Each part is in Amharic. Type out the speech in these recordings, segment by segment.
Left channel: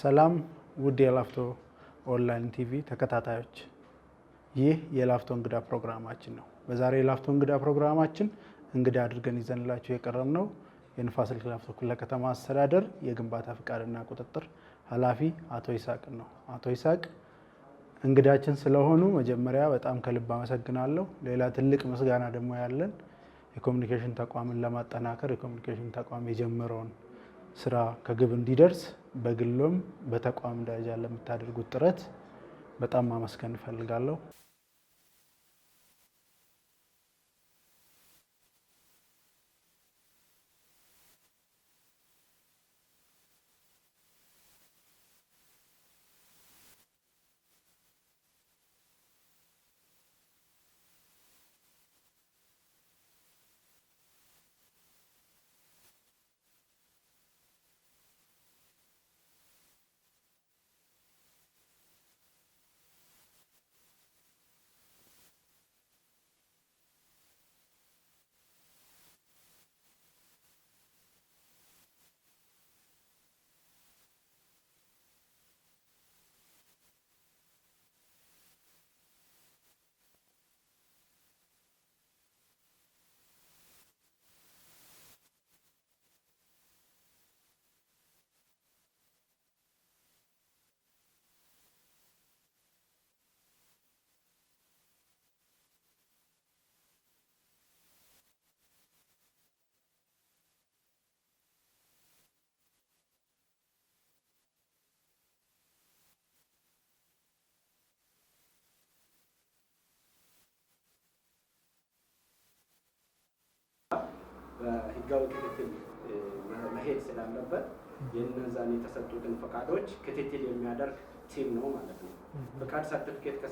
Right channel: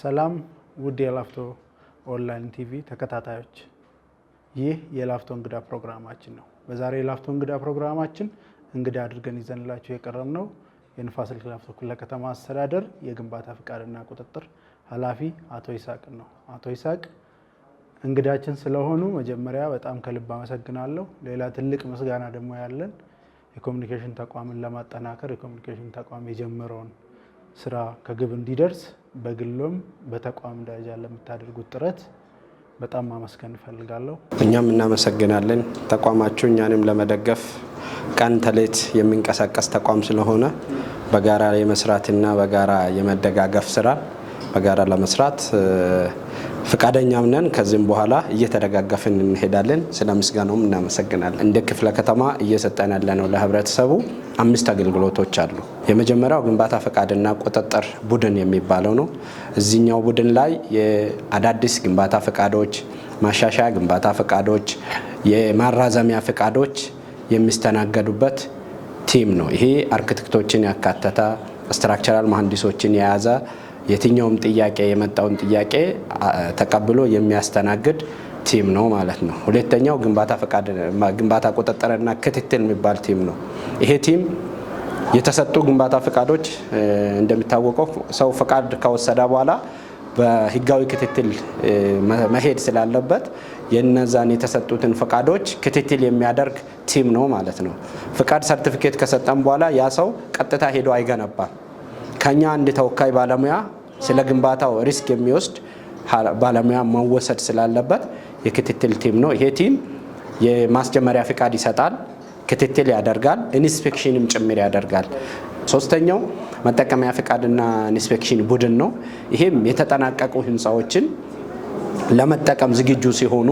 ሰላም ውድ የላፍቶ ኦንላይን ቲቪ ተከታታዮች፣ ይህ የላፍቶ እንግዳ ፕሮግራማችን ነው። በዛሬ የላፍቶ እንግዳ ፕሮግራማችን እንግዳ አድርገን ይዘንላችሁ የቀረብነው የንፋስ ስልክ ላፍቶ ክፍለ ከተማ አስተዳደር የግንባታ ፍቃድና ቁጥጥር ኃላፊ አቶ ይስሐቅ ነው። አቶ ይስሐቅ እንግዳችን ስለሆኑ መጀመሪያ በጣም ከልብ አመሰግናለሁ። ሌላ ትልቅ ምስጋና ደግሞ ያለን የኮሙኒኬሽን ተቋምን ለማጠናከር የኮሙኒኬሽን ተቋም የጀመረውን ስራ ከግብ እንዲደርስ በግሎም በተቋም ደረጃ ለምታደርጉት ጥረት በጣም ማመስገን እፈልጋለሁ። እኛም እናመሰግናለን። ተቋማችሁ እኛንም ለመደገፍ ቀን ተሌት የሚንቀሳቀስ ተቋም ስለሆነ በጋራ የመስራትና በጋራ የመደጋገፍ ስራ በጋራ ለመስራት ፍቃደኛም ነን። ከዚህም በኋላ እየተደጋገፍን እንሄዳለን። ስለ ምስጋናውም እናመሰግናለን። እንደ ክፍለ ከተማ እየሰጠን ያለነው ለህብረተሰቡ 5 አገልግሎቶች አሉ። የመጀመሪያው ግንባታ ፍቃድና ቁጥጥር ቡድን የሚባለው ነው። እዚህኛው ቡድን ላይ የአዳዲስ ግንባታ ፍቃዶች፣ ማሻሻያ ግንባታ ፍቃዶች፣ የማራዘሚያ ፍቃዶች የሚስተናገዱበት ቲም ነው። ይሄ አርክቴክቶችን ያካተተ ስትራክቸራል መሐንዲሶችን የያዘ የትኛውም ጥያቄ የመጣውን ጥያቄ ተቀብሎ የሚያስተናግድ ቲም ነው ማለት ነው። ሁለተኛው ግንባታ ቁጥጥርና ክትትል የሚባል ቲም ነው። ይሄ ቲም የተሰጡ ግንባታ ፍቃዶች እንደሚታወቀው ሰው ፍቃድ ከወሰደ በኋላ በህጋዊ ክትትል መሄድ ስላለበት የነዛን የተሰጡትን ፍቃዶች ክትትል የሚያደርግ ቲም ነው ማለት ነው። ፍቃድ ሰርቲፊኬት ከሰጠን በኋላ ያ ሰው ቀጥታ ሄዶ አይገነባም። ከኛ አንድ ተወካይ ባለሙያ ስለ ግንባታው ሪስክ የሚወስድ ባለሙያ መወሰድ ስላለበት የክትትል ቲም ነው። ይሄ ቲም የማስጀመሪያ ፍቃድ ይሰጣል፣ ክትትል ያደርጋል፣ ኢንስፔክሽንም ጭምር ያደርጋል። ሶስተኛው መጠቀሚያ ፍቃድና ኢንስፔክሽን ቡድን ነው። ይሄም የተጠናቀቁ ህንፃዎችን ለመጠቀም ዝግጁ ሲሆኑ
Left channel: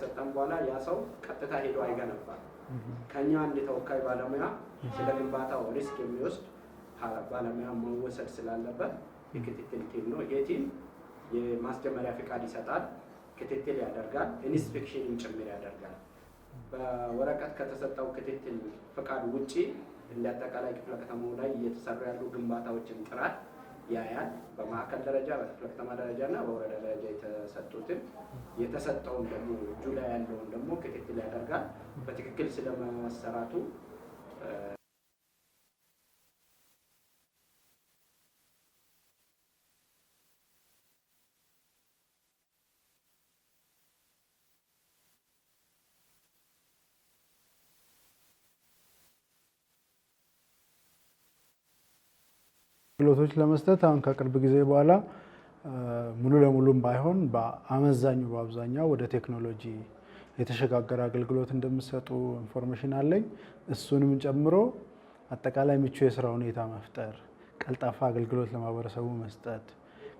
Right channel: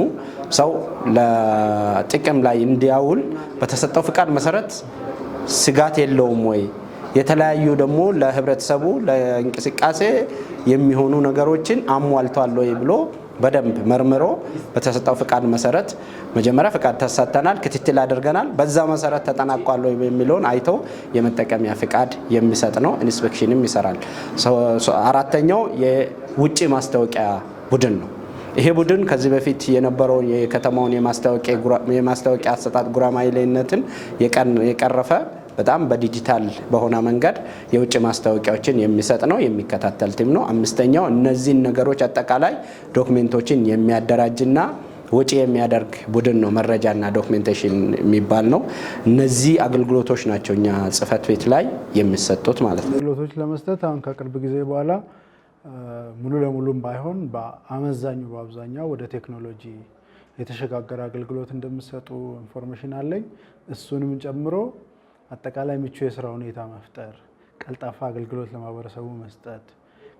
ሰው ለጥቅም ላይ እንዲያውል በተሰጠው ፍቃድ መሰረት ስጋት የለውም ወይ፣ የተለያዩ ደግሞ ለህብረተሰቡ ለእንቅስቃሴ የሚሆኑ ነገሮችን አሟልቷል ወይ ብሎ በደንብ መርምሮ በተሰጠው ፍቃድ መሰረት መጀመሪያ ፍቃድ ተሰጥተናል፣ ክትትል አድርገናል፣ በዛ መሰረት ተጠናቋል ወይ የሚለውን አይቶ የመጠቀሚያ ፍቃድ የሚሰጥ ነው። ኢንስፔክሽንም ይሰራል። አራተኛው የውጭ ማስታወቂያ ቡድን ነው። ይሄ ቡድን ከዚህ በፊት የነበረውን የከተማውን የማስታወቂያ አሰጣጥ ጉራማይሌነትን የቀረፈ በጣም በዲጂታል በሆነ መንገድ የውጭ ማስታወቂያዎችን የሚሰጥ ነው፣ የሚከታተል ቲም ነው። አምስተኛው እነዚህን ነገሮች አጠቃላይ ዶክሜንቶችን የሚያደራጅና ወጪ የሚያደርግ ቡድን ነው። መረጃና ዶክሜንቴሽን የሚባል ነው። እነዚህ አገልግሎቶች ናቸው እኛ ጽህፈት ቤት ላይ የሚሰጡት ማለት ነው። አገልግሎቶች ለመስጠት አሁን ከቅርብ ጊዜ በኋላ ሙሉ ለሙሉም ባይሆን በአብዛኛው ወደ ቴክኖሎጂ የተሸጋገረ አገልግሎት እንደሚሰጡ ኢንፎርሜሽን አለኝ። እሱንም ጨምሮ አጠቃላይ ምቹ የስራ ሁኔታ መፍጠር፣ ቀልጣፋ አገልግሎት ለማህበረሰቡ መስጠት፣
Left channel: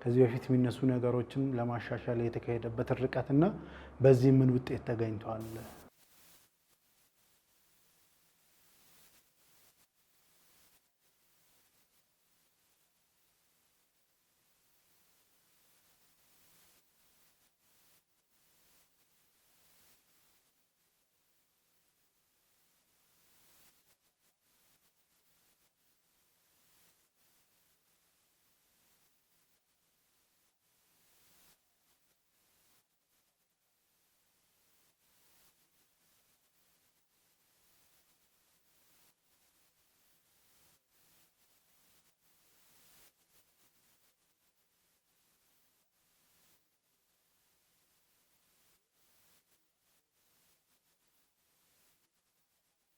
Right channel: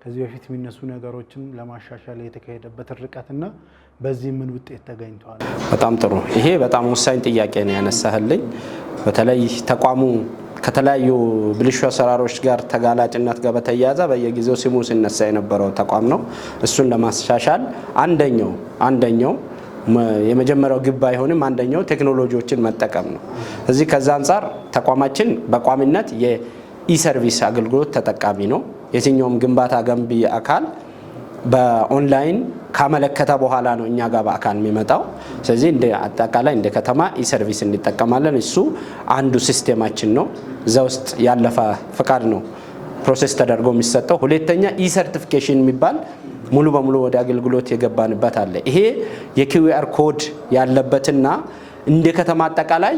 ከዚህ በፊት የሚነሱ ነገሮችን ለማሻሻል የተካሄደበት ርቀትና በዚህ ምን ውጤት ተገኝቷል? በጣም ጥሩ። ይሄ በጣም ወሳኝ ጥያቄ ነው ያነሳህልኝ። በተለይ ተቋሙ ከተለያዩ ብልሹ አሰራሮች ጋር ተጋላጭነት ጋር በተያያዘ በየጊዜው ስሙ ሲነሳ የነበረው ተቋም ነው። እሱን ለማሻሻል አንደኛው የመጀመሪያው ግብ አይሆንም፣ አንደኛው ቴክኖሎጂዎችን መጠቀም ነው። እዚህ ከዛ አንጻር ተቋማችን በቋሚነት የኢሰርቪስ አገልግሎት ተጠቃሚ ነው። የትኛውም ግንባታ ገንቢ አካል በኦንላይን ካመለከተ በኋላ ነው እኛ ጋር በአካል የሚመጣው። ስለዚህ እንደ አጠቃላይ እንደ ከተማ ኢሰርቪስ እንጠቀማለን። እሱ አንዱ ሲስቴማችን ነው። እዛ ውስጥ ያለፈ ፍቃድ ነው ፕሮሰስ ተደርጎ የሚሰጠው። ሁለተኛ ኢሰርቲፊኬሽን የሚባል ሙሉ በሙሉ ወደ አገልግሎት የገባንበት አለ። ይሄ የኪውአር ኮድ ያለበትና እንደ ከተማ አጠቃላይ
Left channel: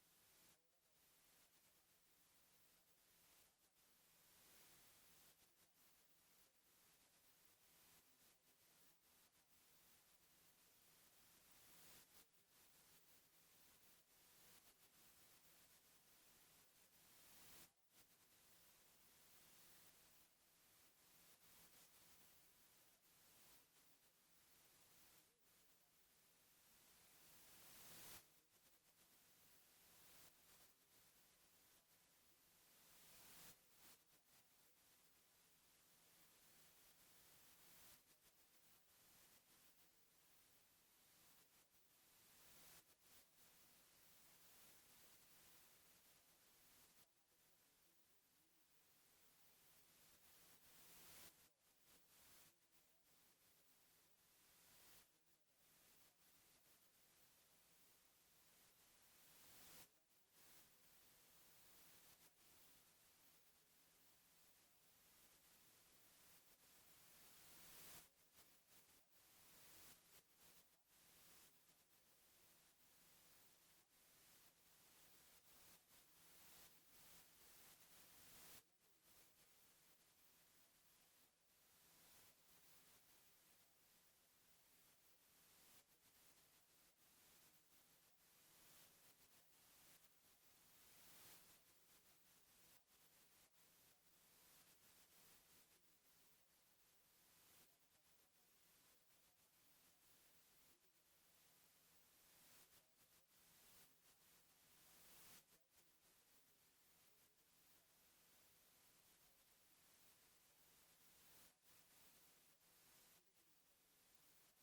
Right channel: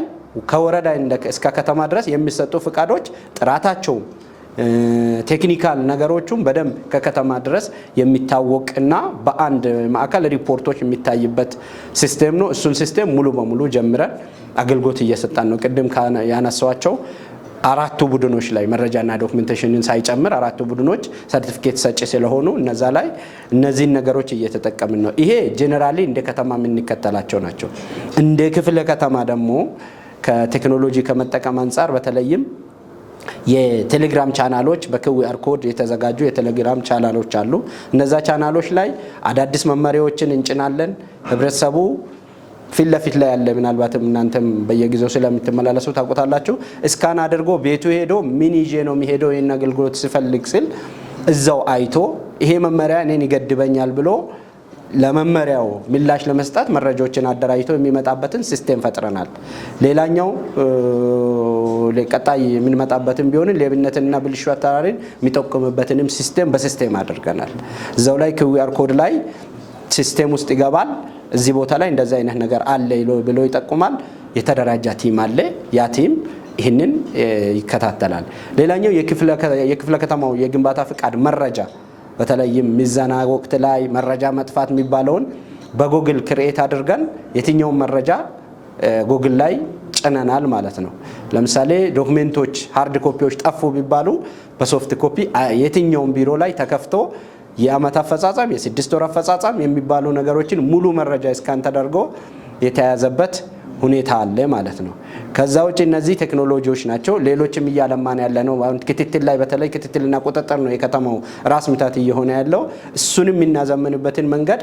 ከወረዳ እስከ ከተማ ድረስ የሚሰጡ ፍቃዶች ጥራታቸው ቴክኒካል ነገሮቹም በደንብ ከከተማ ድረስ የሚታወቅና በአንድ ማዕከል ሪፖርቶች የሚታይበት ሲስቴም ነው። እሱን ሲስቴም ሙሉ በሙሉ ጀምረን አገልግሎት እየሰጣን ነው። ቅድም ያነሳዋቸው አራቱ ቡድኖች ላይ መረጃና ዶክመንቴሽንን ሳይጨምር አራቱ ቡድኖች ሰርቲፊኬት ሰጪ ስለሆኑ እነዛ ላይ እነዚህን ነገሮች እየተጠቀምን ነው። ይሄ ጄኔራሊ እንደ ከተማ የምንከተላቸው ናቸው። እንደ ክፍለ ከተማ ደግሞ ከቴክኖሎጂ ከመጠቀም አንጻር በተለይም የቴሌግራም ቻናሎች በኪውአር ኮድ የተዘጋጁ የቴሌግራም ቻናሎች አሉ። እነዛ ቻናሎች ላይ አዳዲስ መመሪያዎችን እንጭናለን። ህብረተሰቡ ፊት ለፊት ላይ ያለ ምናልባትም እናንተም በየጊዜው ስለምትመላለሱ ታውቁታላችሁ። እስካን አድርጎ ቤቱ ሄዶ ምን ይዤ ነው የሚሄደው ይሄን አገልግሎት ሲፈልግ ሲል እዛው አይቶ ይሄ መመሪያ እኔን ይገድበኛል ብሎ ለመመሪያው ምላሽ ለመስጠት መረጃዎችን አደራጅቶ የሚመጣበትን ሲስተም ፈጥረናል። ሌላኛው ለቀጣይ የምንመጣበትን ቢሆን ሌብነትና ብልሹ አሰራርን የሚጠቁምበትንም ሲስተም በሲስተም አድርገናል። እዛው ላይ QR ኮድ ላይ ሲስተም ውስጥ ይገባል። እዚህ ቦታ ላይ እንደዛ አይነት ነገር አለ ብሎ ይጠቁማል። የተደራጀ ቲም አለ። ያ ቲም ይህንን ይከታተላል። ሌላኛው የክፍለ ከተማው የግንባታ ፍቃድ መረጃ በተለይም ሚዛና ወቅት ላይ መረጃ መጥፋት የሚባለውን በጉግል ክሬት አድርገን የትኛውን መረጃ ጉግል ላይ ጭነናል ማለት ነው። ለምሳሌ ዶክሜንቶች ሃርድ ኮፒዎች ጠፉ ቢባሉ በሶፍት ኮፒ የትኛውን ቢሮ ላይ ተከፍቶ የአመት አፈጻጸም የ6 ወር አፈጻጸም የሚባሉ ነገሮችን ሙሉ መረጃ እስካን ተደርጎ የተያዘበት ሁኔታ አለ ማለት ነው። ከዛ ውጪ እነዚህ ቴክኖሎጂዎች ናቸው። ሌሎችም እያለማን ያለ ነው። ክትትል ላይ በተለይ ክትትልና ቁጥጥር ነው የከተማው ራስ ምታት እየሆነ ያለው። እሱንም የምናዘምንበትን መንገድ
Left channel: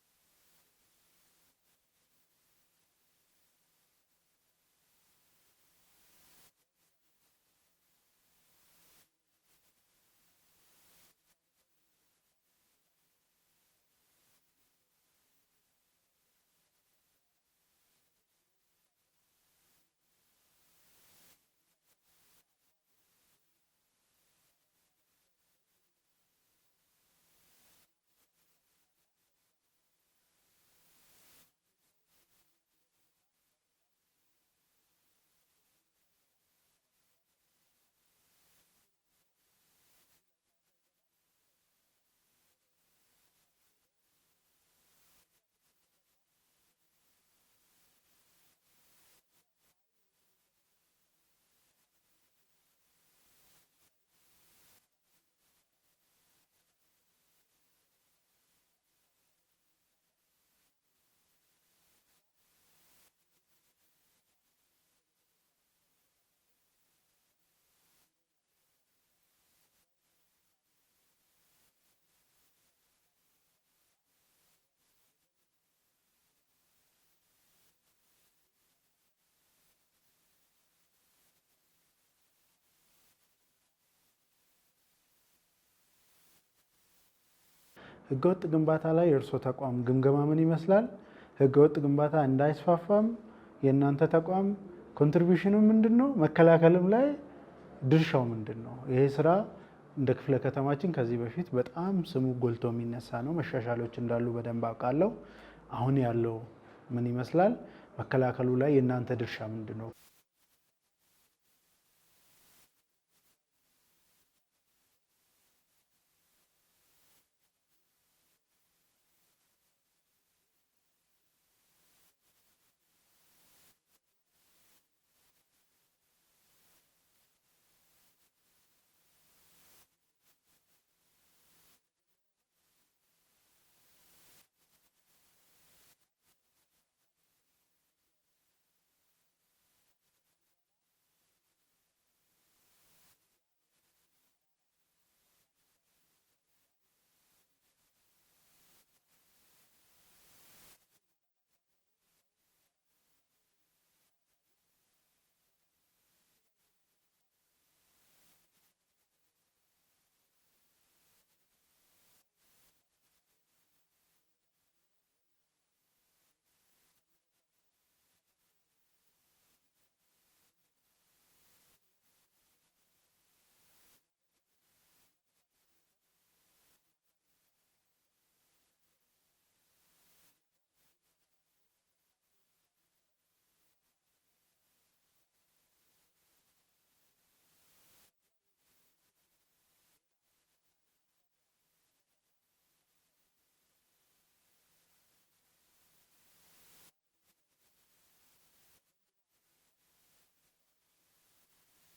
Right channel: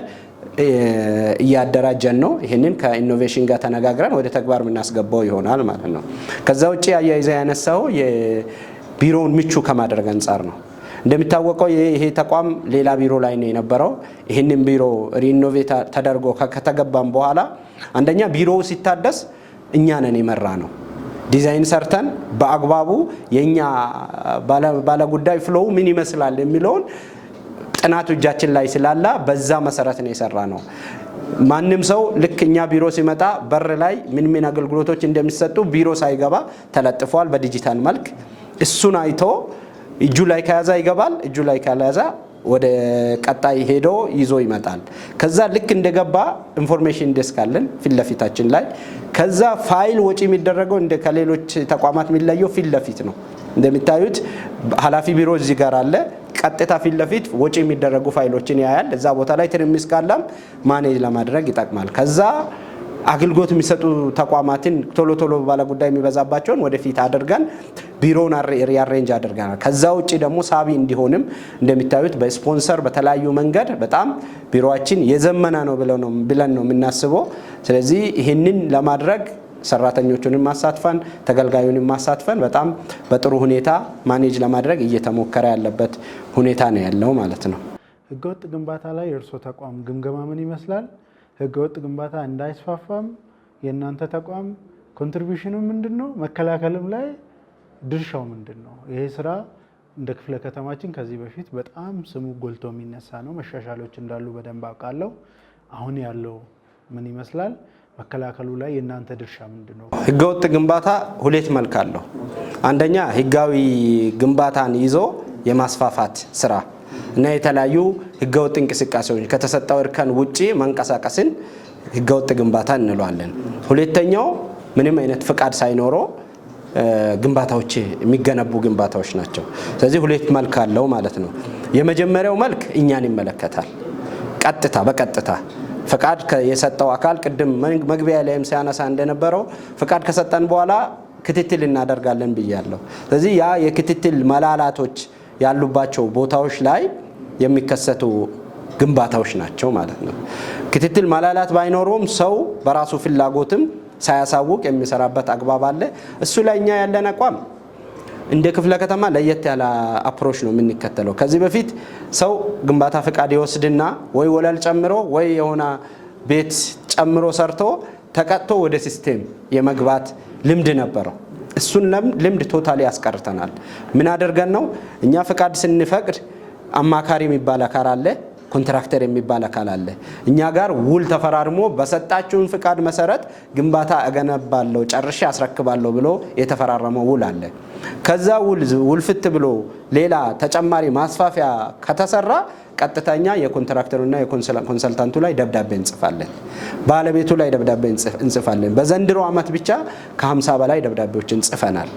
እያደራጀን ነው። ይህንን ከኢኖቬሽን ጋር ተነጋግረን ወደ ተግባር የምናስገባው ይሆናል ማለት ነው። ከዛ ውጪ አያይዘ ያነሳው የቢሮውን ምቹ ከማድረግ አንጻር ነው። እንደሚታወቀው ይሄ ተቋም ሌላ ቢሮ ላይ ነው የነበረው። ይህንን ቢሮ ሪኖቬት ተደርጎ ከተገባም በኋላ አንደኛ ቢሮው ሲታደስ እኛ ነን የመራ ነው። ዲዛይን ሰርተን በአግባቡ የኛ ባለጉዳይ ፍሎው ምን ይመስላል የሚለውን ጥናቱ እጃችን ላይ ስላላ በዛ መሰረት ነው የሰራ ነው። ማንም ሰው ልክ እኛ ቢሮ ሲመጣ በር ላይ ምን አገልግሎቶች እንደሚሰጡ ቢሮ ሳይገባ ተለጥፏል በዲጂታል መልክ። እሱን አይቶ እጁ ላይ ከያዛ ይገባል፣ እጁ ላይ ካልያዛ ወደ ቀጣይ ሄዶ ይዞ ይመጣል። ከዛ ልክ እንደገባ ኢንፎርሜሽን ዴስክ አለን ፊት ለፊታችን ላይ። ከዛ ፋይል ወጪ የሚደረገው እንደ ከሌሎች ተቋማት የሚለየው ፊት ለፊት ነው። እንደሚታዩት ኃላፊ ቢሮ እዚህ ጋር አለ። ቀጥታ ፊት ለፊት ወጪ የሚደረጉ ፋይሎችን ያያል። እዛ ቦታ ላይ ትርምስ ካለም ማኔጅ ለማድረግ ይጠቅማል። ከዛ አገልግሎት የሚሰጡ ተቋማትን ቶሎ ቶሎ ባለ ጉዳይ የሚበዛባቸውን ወደፊት አድርገን ቢሮውን ሪአሬንጅ አድርገናል። ከዛ ውጪ ደግሞ ሳቢ እንዲሆንም እንደሚታዩት በስፖንሰር በተለያዩ መንገድ በጣም ቢሮአችን የዘመነ ነው ብለን ነው የምናስበው። ስለዚህ ይህንን ለማድረግ ሰራተኞቹንም ማሳትፈን ተገልጋዩንም ማሳትፈን በጣም በጥሩ ሁኔታ ማኔጅ ለማድረግ እየተሞከረ ያለበት ሁኔታ ነው ያለው ማለት ነው። ህገወጥ ግንባታ ላይ የእርሶ ተቋም ግምገማ ምን ይመስላል? ህገወጥ ግንባታ እንዳይስፋፋም የእናንተ ተቋም ኮንትሪቢዩሽኑ ምንድን ነው? መከላከልም ላይ ድርሻው ምንድን ነው? ይሄ ስራ እንደ ክፍለ ከተማችን ከዚህ በፊት በጣም ስሙ ጎልቶ የሚነሳ ነው። መሻሻሎች እንዳሉ በደንብ አውቃለሁ። አሁን ያለው ምን ይመስላል? መከላከሉ ላይ የእናንተ ድርሻ ምንድን ነው? ህገወጥ ግንባታ ሁለት መልክ አለው። አንደኛ ህጋዊ ግንባታን ይዞ የማስፋፋት ስራ እና የተለያዩ ህገወጥ እንቅስቃሴዎች ከተሰጠው እርከን ውጪ መንቀሳቀስን ህገወጥ ግንባታ እንለዋለን። ሁለተኛው ምንም አይነት ፍቃድ ሳይኖረው ግንባታዎች የሚገነቡ ግንባታዎች ናቸው። ስለዚህ ሁለት መልክ አለው ማለት ነው። የመጀመሪያው መልክ እኛን ይመለከታል። በቀጥታ ፍቃድ የሰጠው አካል ቅድም መግቢያ ላይም ሲያነሳ እንደነበረው ፍቃድ ከሰጠን በኋላ ክትትል እናደርጋለን ብያለሁ። ስለዚህ ያ የክትትል መላላቶች ያሉባቸው ቦታዎች ላይ የሚከሰቱ ግንባታዎች ናቸው ማለት ነው። ክትትል መላላት ባይኖረውም ሰው በራሱ ፍላጎትም ሳያሳውቅ የሚሰራበት አግባብ አለ። እሱ ላይ እኛ ያለን አቋም እንደ ክፍለ ከተማ ለየት ያለ አፕሮች ነው የምንከተለው። ከዚህ በፊት ሰው ግንባታ ፍቃድ ይወስድና ወይ ወለል ጨምሮ ወይ የሆነ ቤት ጨምሮ ሰርቶ ተቀጥቶ ወደ ሲስቴም የመግባት ልምድ ነበረው። እሱን ልምድ ቶታሊ ያስቀርተናል። ምን አድርገን ነው እኛ ፍቃድ ስንፈቅድ አማካሪ የሚባል አካል አለ፣ ኮንትራክተር የሚባል አካል አለ። እኛ ጋር ውል ተፈራርሞ በሰጣችሁን ፍቃድ መሰረት ግንባታ እገነባለሁ ጨርሼ አስረክባለሁ ብሎ የተፈራረመው ውል አለ። ከዛ ውል ፍት ብሎ ሌላ ተጨማሪ ማስፋፊያ ከተሰራ ቀጥተኛ የኮንትራክተሩና የኮንሰልታንቱ ላይ ደብዳቤ እንጽፋለን፣ ባለቤቱ ላይ ደብዳቤ እንጽፋለን። በዘንድሮ ዓመት ብቻ ከ50 በላይ ደብዳቤዎችን ጽፈናል።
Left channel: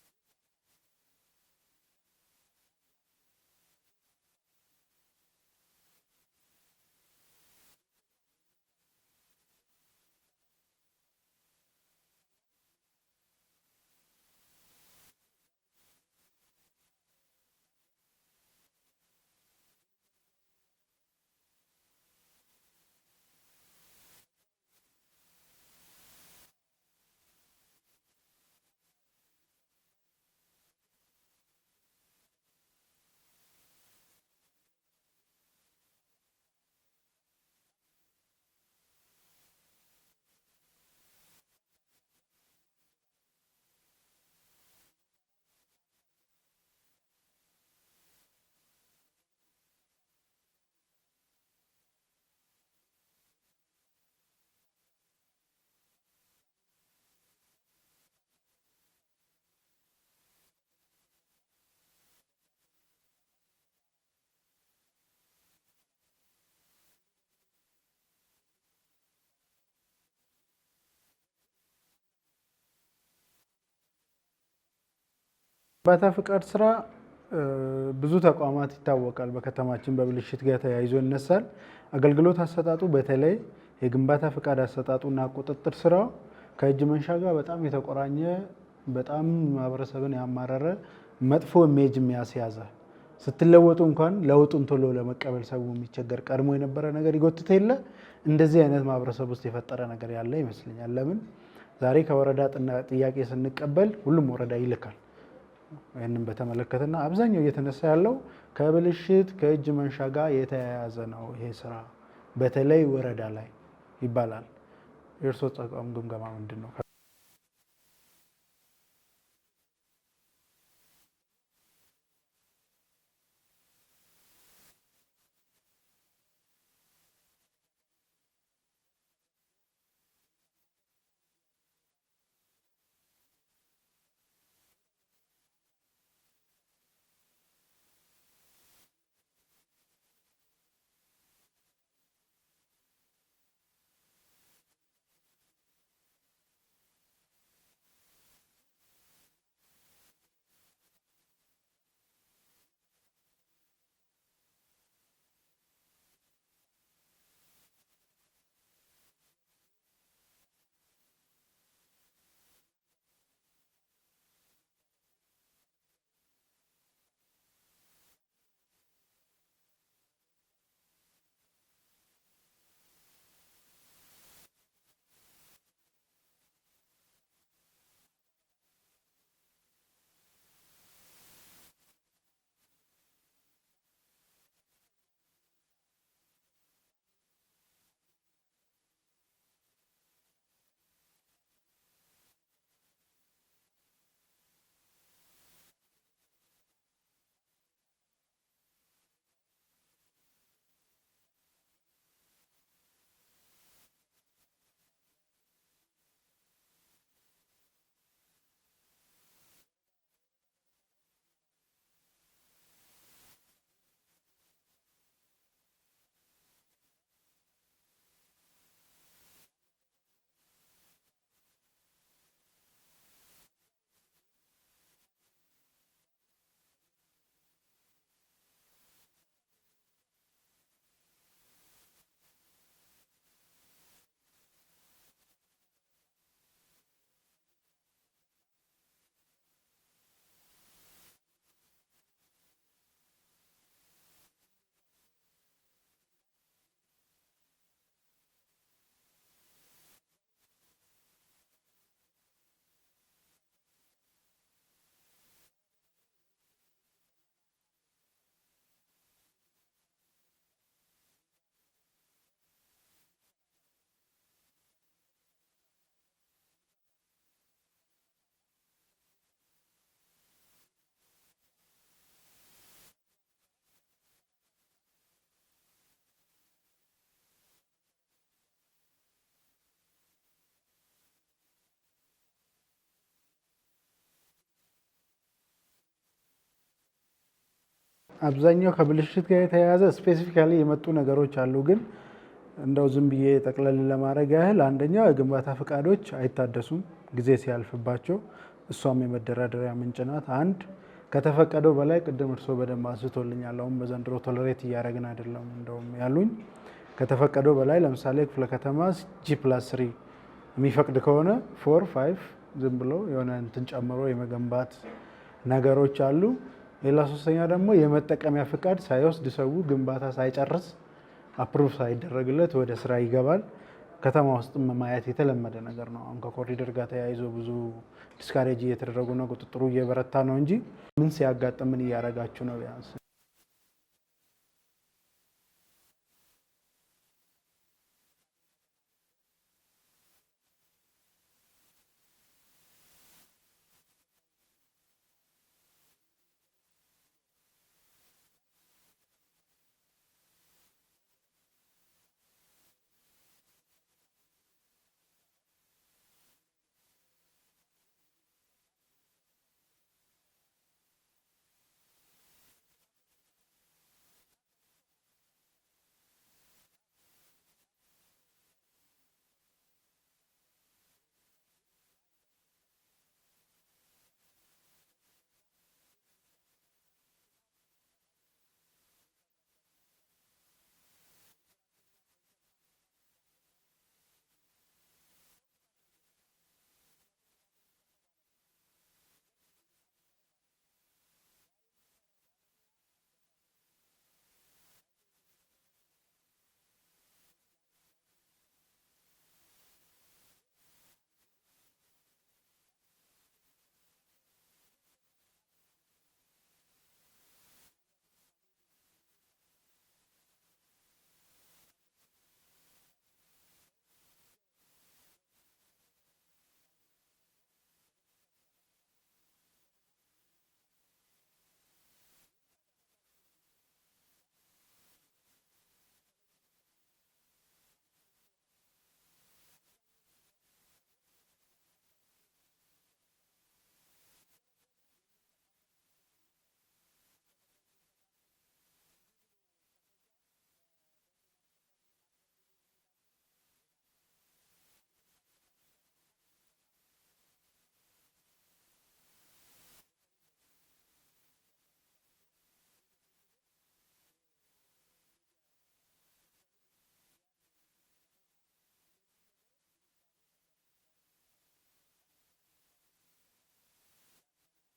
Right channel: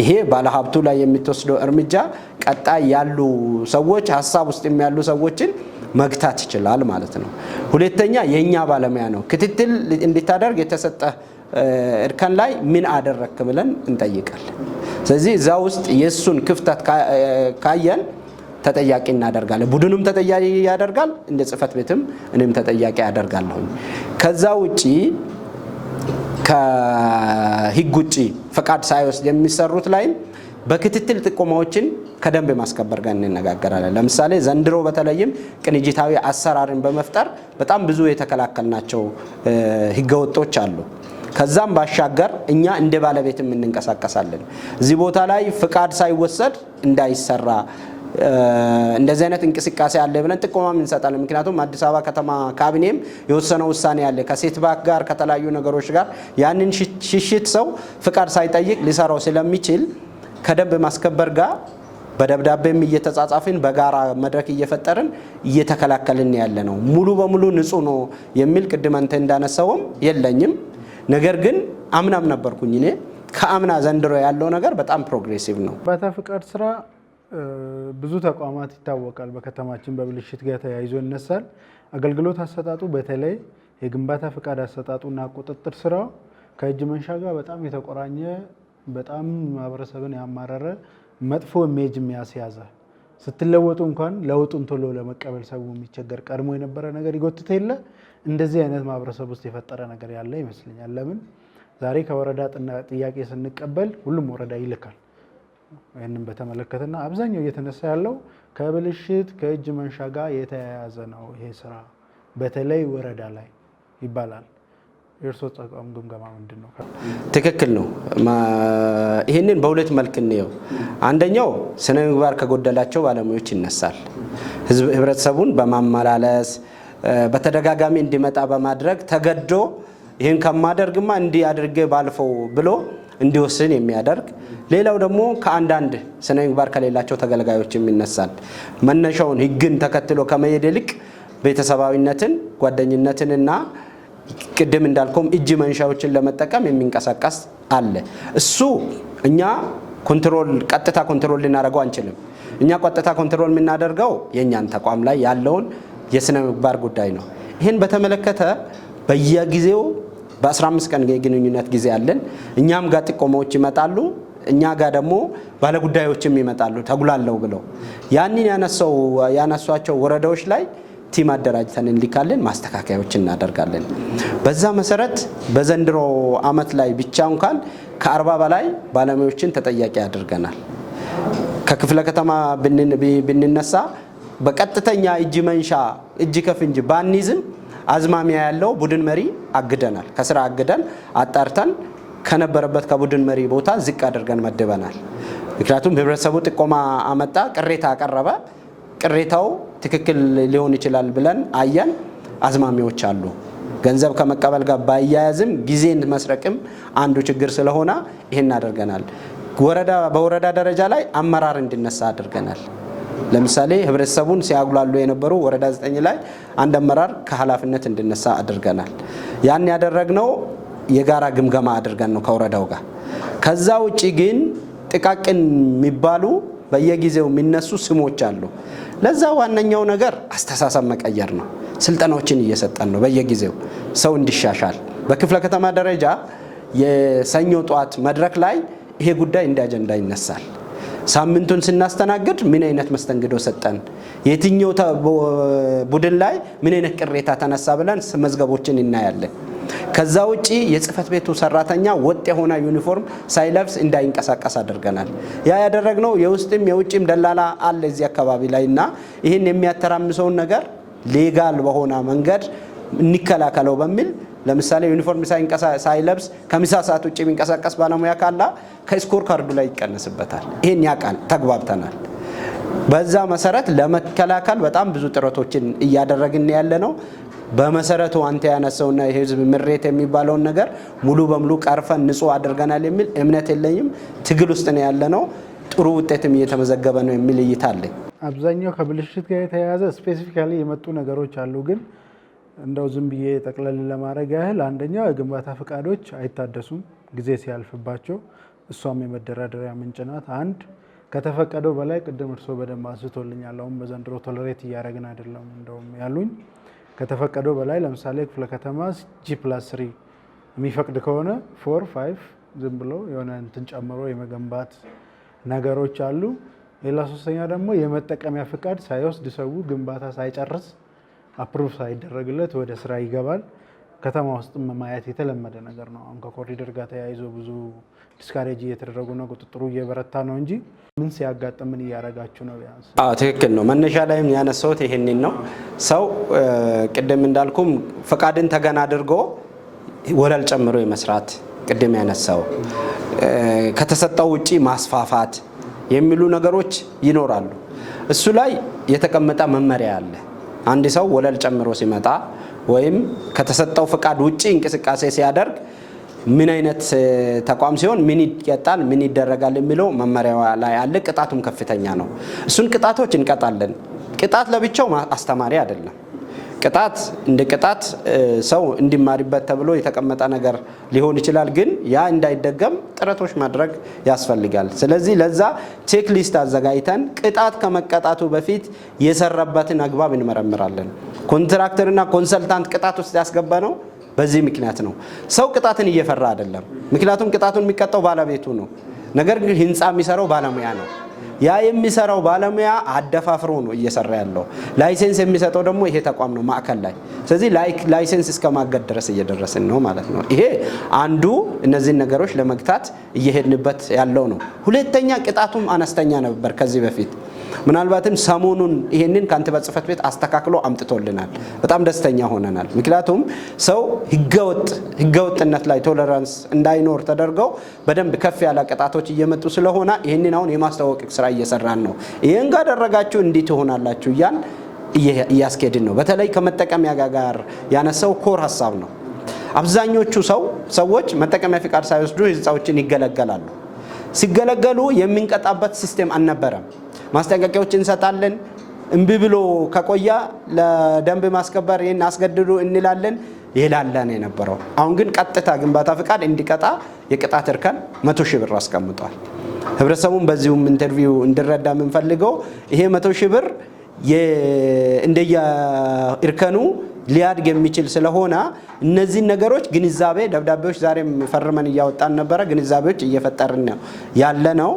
ይሄ ባለሀብቱ ላይ የምትወስደው እርምጃ ቀጣይ ያሉ ሰዎች ሀሳብ ውስጥ የሚያሉ ሰዎችን መግታት ይችላል ማለት ነው። ሁለተኛ የኛ ባለሙያ ነው ክትትል እንድታደርግ የተሰጠ እርከን ላይ ምን አደረክ ብለን እንጠይቃለን። ስለዚህ እዛ ውስጥ የሱን ክፍተት ካየን ተጠያቂ እናደርጋለን። ቡድኑም ተጠያቂ ያደርጋል፣ እንደ ጽህፈት ቤትም እኔም ተጠያቂ ያደርጋለሁ። ከዛ ውጪ ከህግ ውጪ ፈቃድ ሳይወስድ የሚሰሩት ላይም በክትትል ጥቆማዎችን ከደንብ ማስከበር ጋር እንነጋገራለን። ለምሳሌ ዘንድሮ በተለይም ቅንጅታዊ አሰራርን በመፍጠር በጣም ብዙ የተከላከልናቸው ህገወጦች አሉ። ከዛም ባሻገር እኛ እንደ ባለቤትም እንንቀሳቀሳለን። እዚህ ቦታ ላይ ፍቃድ ሳይወሰድ እንዳይሰራ እንደዚህ አይነት እንቅስቃሴ አለ ብለን ጥቆማም እንሰጣለን። ምክንያቱም አዲስ አበባ ከተማ ካቢኔም የወሰነው ውሳኔ አለ ከሴት ባክ ጋር ከተለያዩ ነገሮች ጋር ያንን ሽሽት ሰው ፍቃድ ሳይጠይቅ ሊሰራው ስለሚችል ከደንብ ማስከበር ጋር በደብዳቤም እየተጻጻፍን በጋራ መድረክ እየፈጠርን እየተከላከልን ያለ ነው። ሙሉ በሙሉ ንጹህ ነው የሚል ቅድም አንተ እንዳነሳውም የለኝም። ነገር ግን አምናም ነበርኩኝ እኔ ከአምና ዘንድሮ ያለው ነገር በጣም ፕሮግሬሲቭ ነው። ግንባታ ፍቃድ ስራ ብዙ ተቋማት ይታወቃል በከተማችን በብልሽት ጋር ተያይዞ ይነሳል። አገልግሎት አሰጣጡ በተለይ የግንባታ ፍቃድ አሰጣጡና ቁጥጥር ስራው ከእጅ መንሻ ጋር በጣም የተቆራኘ በጣም ማህበረሰብን ያማረረ መጥፎ ኢሜጅ የሚያስያዘ ስትለወጡ እንኳን ለውጡን ቶሎ ለመቀበል ሰው የሚቸገር ቀድሞ የነበረ ነገር ይጎትተ የለ እንደዚህ አይነት ማህበረሰብ ውስጥ የፈጠረ ነገር ያለ ይመስለኛል። ለምን ዛሬ ከወረዳ ጥያቄ ስንቀበል ሁሉም ወረዳ ይልካል። ይህንን በተመለከተና አብዛኛው እየተነሳ ያለው ከብልሽት ከእጅ መንሻ ጋር የተያያዘ ነው ይሄ ስራ በተለይ ወረዳ ላይ ይባላል። የእርሶ ተቋም ግምገማ ምንድን ነው? ትክክል ነው። ይህንን በሁለት መልክ እንየው። አንደኛው ስነ ምግባር ከጎደላቸው ባለሙያዎች ይነሳል። ህብረተሰቡን በማመላለስ በተደጋጋሚ እንዲመጣ በማድረግ ተገዶ ይህን ከማደርግማ እንዲህ አድርጌ ባልፈው ብሎ እንዲወስን የሚያደርግ። ሌላው ደግሞ ከአንዳንድ ስነ ምግባር ከሌላቸው ተገልጋዮችም ይነሳል። መነሻውን ህግን ተከትሎ ከመሄድ ይልቅ ቤተሰባዊነትን፣ ጓደኝነትንና ቅድም እንዳልከውም እጅ መንሻዎችን ለመጠቀም የሚንቀሳቀስ አለ። እሱ እኛ ቀጥታ ኮንትሮል ልናደርገው አንችልም። እኛ ቀጥታ ኮንትሮል የምናደርገው የእኛን ተቋም ላይ ያለውን የስነ ምግባር ጉዳይ ነው። ይህን በተመለከተ በየጊዜው በ15 ቀን የግንኙነት ጊዜ አለን። እኛም ጋር ጥቆማዎች ይመጣሉ፣ እኛ ጋር ደግሞ ባለጉዳዮችም ይመጣሉ ተጉላለው ብለው ያንን ያነሷቸው ወረዳዎች ላይ ቲም አደራጅተን እንልካለን፣ ማስተካከያዎች እናደርጋለን። በዛ መሰረት በዘንድሮ አመት ላይ ብቻ እንኳን ከ40 በላይ ባለሙያዎችን ተጠያቂ አድርገናል። ከክፍለ ከተማ ብንነሳ በቀጥተኛ እጅ መንሻ እጅ ከፍንጅ ባንይዝም አዝማሚያ ያለው ቡድን መሪ አግደናል። ከስራ አግደን አጣርተን ከነበረበት ከቡድን መሪ ቦታ ዝቅ አድርገን መድበናል። ምክንያቱም ህብረተሰቡ ጥቆማ አመጣ፣ ቅሬታ አቀረበ። ቅሬታው ትክክል ሊሆን ይችላል ብለን አየን። አዝማሚያዎች አሉ። ገንዘብ ከመቀበል ጋር ባያያዝም ጊዜን መስረቅም አንዱ ችግር ስለሆነ ይሄን አድርገናል። በወረዳ ደረጃ ላይ አመራር እንዲነሳ አድርገናል። ለምሳሌ ህብረተሰቡን ሲያጉላሉ የነበሩ ወረዳ 9 ላይ አንድ አመራር ከኃላፊነት እንዲነሳ አድርገናል። ያን ያደረግነው የጋራ ግምገማ አድርገን ነው ከወረዳው ጋር። ከዛ ውጪ ግን ጥቃቅን የሚባሉ በየጊዜው የሚነሱ ስሞች አሉ። ለዛ ዋነኛው ነገር አስተሳሰብ መቀየር ነው። ስልጠናዎችን እየሰጠን ነው በየጊዜው ሰው እንዲሻሻል። በክፍለ ከተማ ደረጃ የሰኞ ጠዋት መድረክ ላይ ይሄ ጉዳይ እንደ አጀንዳ ይነሳል። ሳምንቱን ስናስተናግድ ምን አይነት መስተንግዶ ሰጠን፣ የትኛው ቡድን ላይ ምን አይነት ቅሬታ ተነሳ ብለን መዝገቦችን እናያለን። ከዛ ውጪ የጽህፈት ቤቱ ሰራተኛ ወጥ የሆነ ዩኒፎርም ሳይለብስ እንዳይንቀሳቀስ አድርገናል። ያ ያደረግነው የውስጥም የውጭም ደላላ አለ እዚህ አካባቢ ላይ እና ይህን የሚያተራምሰውን ነገር ሌጋል በሆነ መንገድ እንከላከለው በሚል ለምሳሌ ዩኒፎርም ሳይለብስ ከምሳ ሰዓት ውጭ የሚንቀሳቀስ ባለሙያ ካለ ከስኮር ካርዱ ላይ ይቀነስበታል። ይህን ያውቃል፣ ተግባብተናል። በዛ መሰረት ለመከላከል በጣም ብዙ ጥረቶችን እያደረግን ያለ ነው። በመሰረቱ አንተ ያነሳውና የህዝብ ምሬት የሚባለውን ነገር ሙሉ በሙሉ ቀርፈን ንጹህ አድርገናል የሚል እምነት የለኝም። ትግል ውስጥ ነው ያለ ነው። ጥሩ ውጤትም እየተመዘገበ ነው የሚል እይታ አለኝ። አብዛኛው ከብልሽት ጋር የተያያዘ ስፔሲፊካሊ የመጡ ነገሮች አሉ። ግን እንደው ዝም ብዬ ጠቅለል ለማድረግ ያህል አንደኛው የግንባታ ፈቃዶች አይታደሱም ጊዜ ሲያልፍባቸው፣ እሷም የመደራደሪያ ምንጭ ናት። አንድ ከተፈቀደው በላይ ቅድም እርሶ በደንብ አንስቶልኛል። አሁን በዘንድሮ ቶለሬት እያደረግን አይደለም እንደውም ያሉኝ ከተፈቀደው በላይ ለምሳሌ ክፍለ ከተማ G+3 የሚፈቅድ ከሆነ 4-5 ዝም ብሎ የሆነ እንትን ጨምሮ የመገንባት ነገሮች አሉ። ሌላ ሶስተኛ ደግሞ የመጠቀሚያ ፍቃድ ሳይወስድ ሰው ግንባታ ሳይጨርስ አፕሩቭ ሳይደረግለት ወደ ስራ ይገባል። ከተማ ውስጥ ማየት የተለመደ ነገር ነው። አሁን ከኮሪደር ጋር ተያይዞ ብዙ ዲስካሬጅ እየተደረጉ ነው፣ ቁጥጥሩ እየበረታ ነው እንጂ ምን ሲያጋጥም ምን እያደረጋችሁ ነው? ቢያንስ ትክክል ነው። መነሻ ላይም ያነሳሁት ይሄንን ነው። ሰው ቅድም እንዳልኩም ፈቃድን ተገን አድርጎ ወለል ጨምሮ የመስራት ቅድም ያነሳው ከተሰጠው ውጪ ማስፋፋት የሚሉ ነገሮች ይኖራሉ። እሱ ላይ የተቀመጠ መመሪያ አለ። አንድ ሰው ወለል ጨምሮ ሲመጣ ወይም ከተሰጠው ፈቃድ ውጪ እንቅስቃሴ ሲያደርግ ምን አይነት ተቋም ሲሆን ምን ይቀጣል፣ ምን ይደረጋል የሚለው መመሪያ ላይ አለ። ቅጣቱም ከፍተኛ ነው። እሱን ቅጣቶች እንቀጣለን። ቅጣት ለብቻው አስተማሪ አይደለም። ቅጣት እንደ ቅጣት ሰው እንዲማሪበት ተብሎ የተቀመጠ ነገር ሊሆን ይችላል። ግን ያ እንዳይደገም ጥረቶች ማድረግ ያስፈልጋል። ስለዚህ ለዛ ቼክ ሊስት አዘጋጅተን ቅጣት ከመቀጣቱ በፊት የሰራበትን አግባብ እንመረምራለን። ኮንትራክተርና ኮንሰልታንት ቅጣት ውስጥ ያስገባ ነው በዚህ ምክንያት ነው። ሰው ቅጣትን እየፈራ አይደለም። ምክንያቱም ቅጣቱን የሚቀጣው ባለቤቱ ነው። ነገር ግን ህንፃ የሚሰራው ባለሙያ ነው። ያ የሚሰራው ባለሙያ አደፋፍሮ ነው እየሰራ ያለው። ላይሰንስ የሚሰጠው ደግሞ ይሄ ተቋም ነው ማዕከል ላይ። ስለዚህ ላይሰንስ እስከ ማገድ ድረስ እየደረስን ነው ማለት ነው። ይሄ አንዱ እነዚህን ነገሮች ለመግታት እየሄድንበት ያለው ነው። ሁለተኛ ቅጣቱም አነስተኛ ነበር ከዚህ በፊት። ምናልባትም ሰሞኑን ይሄንን ከንቲባ ጽሕፈት ቤት አስተካክሎ አምጥቶልናል። በጣም ደስተኛ ሆነናል። ምክንያቱም ሰው ህገወጥነት ላይ ቶለራንስ እንዳይኖር ተደርገው በደንብ ከፍ ያለ ቅጣቶች እየመጡ ስለሆነ ይሄንን አሁን የማስተዋወቅ ስራ እየሰራን ነው። ይሄን ጋደረጋችሁ እንዲህ ትሆናላችሁ እያን እያስኬድን ነው። በተለይ ከመጠቀሚያ ጋር ያነሳው ኮር ሀሳብ ነው። አብዛኞቹ ሰዎች መጠቀሚያ ፍቃድ ሳይወስዱ ህንፃዎችን ይገለገላሉ። ሲገለገሉ የምንቀጣበት ሲስተም አልነበረም። ማስጠንቀቂያዎች እንሰጣለን። እምቢ ብሎ ከቆያ ለደንብ ማስከበር ይሄን አስገድዱ እንላለን። ይላለን የነበረው። አሁን ግን ቀጥታ ግንባታ ፍቃድ እንዲቀጣ የቅጣት እርከን 100,000 ብር አስቀምጧል። ህብረተሰቡን በዚሁም ኢንተርቪው እንዲረዳ የምንፈልገው ይሄ 100,000 ብር እንደየ እርከኑ ሊያድግ የሚችል ስለሆነ እነዚህ ነገሮች ግንዛቤ ደብዳቤዎች ዛሬም ፈርመን እያወጣን ነበረ። ግንዛቤዎች እየፈጠርን ያለ ነው።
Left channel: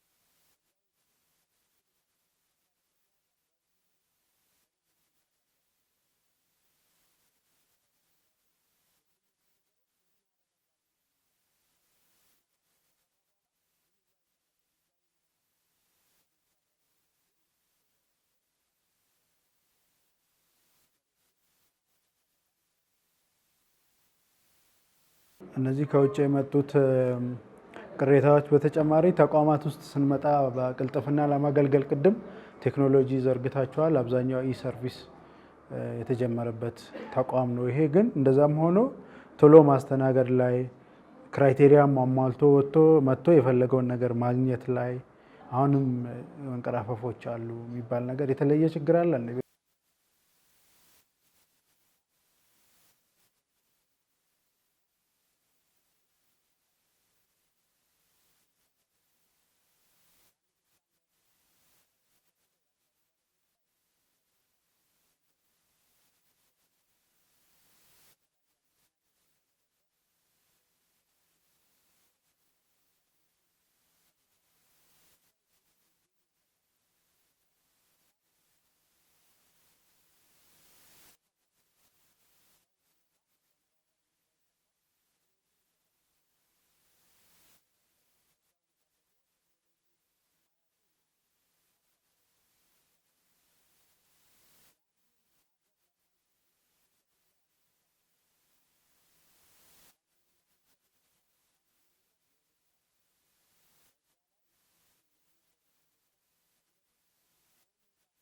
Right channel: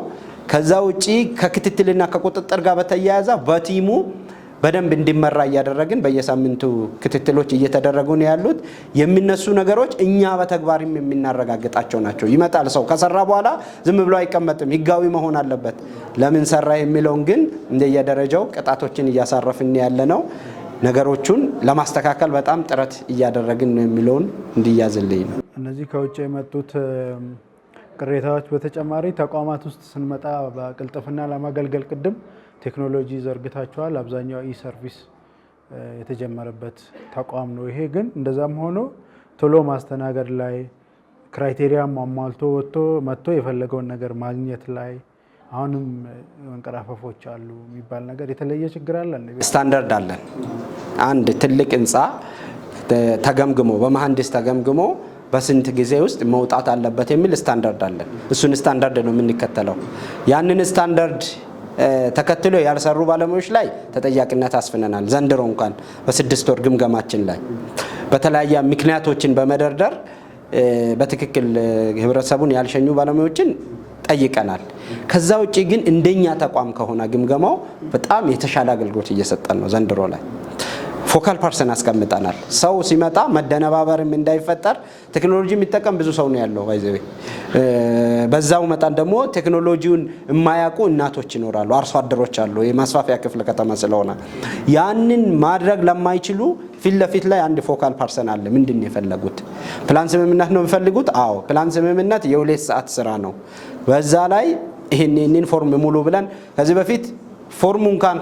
ከዛ ውጪ ከክትትልና ከቁጥጥር ጋር በተያያዘ በቲሙ በደንብ እንዲመራ እያደረግን በየሳምንቱ ክትትሎች እየተደረጉ ነው ያሉት። የሚነሱ ነገሮች እኛ በተግባርም የምናረጋግጣቸው ናቸው። ይመጣል ሰው ከሰራ በኋላ ዝም ብሎ አይቀመጥም፣ ህጋዊ መሆን አለበት። ለምን ሰራ የሚለውን ግን እንደየደረጃው ቅጣቶችን እያሳረፍን ያለ ነው። ነገሮቹን ለማስተካከል በጣም ጥረት እያደረግን ነው የሚለውን እንዲያዝልኝ ነው። እነዚህ ከውጭ የመጡት ቅሬታዎች በተጨማሪ ተቋማት ውስጥ ስንመጣ በቅልጥፍና ለማገልገል ቅድም ቴክኖሎጂ ዘርግታቸዋል። አብዛኛው ሰርቪስ የተጀመረበት ተቋም ነው ይሄ። ግን እንደዛም ሆኖ ቶሎ ማስተናገድ ላይ ክራይቴሪያ አሟልቶ መጥቶ የፈለገውን ነገር ማግኘት ላይ አሁንም መንቀራፈፎች አሉ የሚባል ነገር የተለየ ችግር አለ። ስታንዳርድ አለን። አንድ ትልቅ ህንፃ ተገምግሞ በመሐንዲስ ተገምግሞ በስንት ጊዜ ውስጥ መውጣት አለበት የሚል ስታንዳርድ አለን። እሱን ስታንዳርድ ነው የምንከተለው። ያንን ስታንዳርድ ተከትሎ ያልሰሩ ባለሙያዎች ላይ ተጠያቂነት አስፍነናል። ዘንድሮ እንኳን በ6 ወር ግምገማችን ላይ በተለያየ ምክንያቶችን በመደርደር በትክክል ህብረተሰቡን ያልሸኙ ባለሙያዎችን ጠይቀናል። ከዛ ውጪ ግን እንደኛ ተቋም ከሆነ ግምገማው በጣም የተሻለ አገልግሎት እየሰጠን ነው። ዘንድሮ ላይ ፎካል ፐርሰን አስቀምጠናል። ሰው ሲመጣ መደነባበርም እንዳይፈጠር ቴክኖሎጂ የሚጠቀም ብዙ ሰው ነው ያለው ባይዘዌ። በዛው መጣን ደግሞ ቴክኖሎጂውን የማያውቁ እናቶች ይኖራሉ፣ አርሶ አደሮች አሉ። የማስፋፊያ ክፍለ ከተማ ስለሆነ ያንን ማድረግ ለማይችሉ ፊት ለፊት ላይ አንድ ፎካል ፐርሰን አለ። ምንድን ነው የፈለጉት? ፕላን ስምምነት ነው የሚፈልጉት? አዎ ፕላን ስምምነት የ2 ሰዓት ስራ ነው። በዛ ላይ ይሄንን ፎርም ሙሉ ብለን ከዚህ በፊት ፎርሙ እንኳን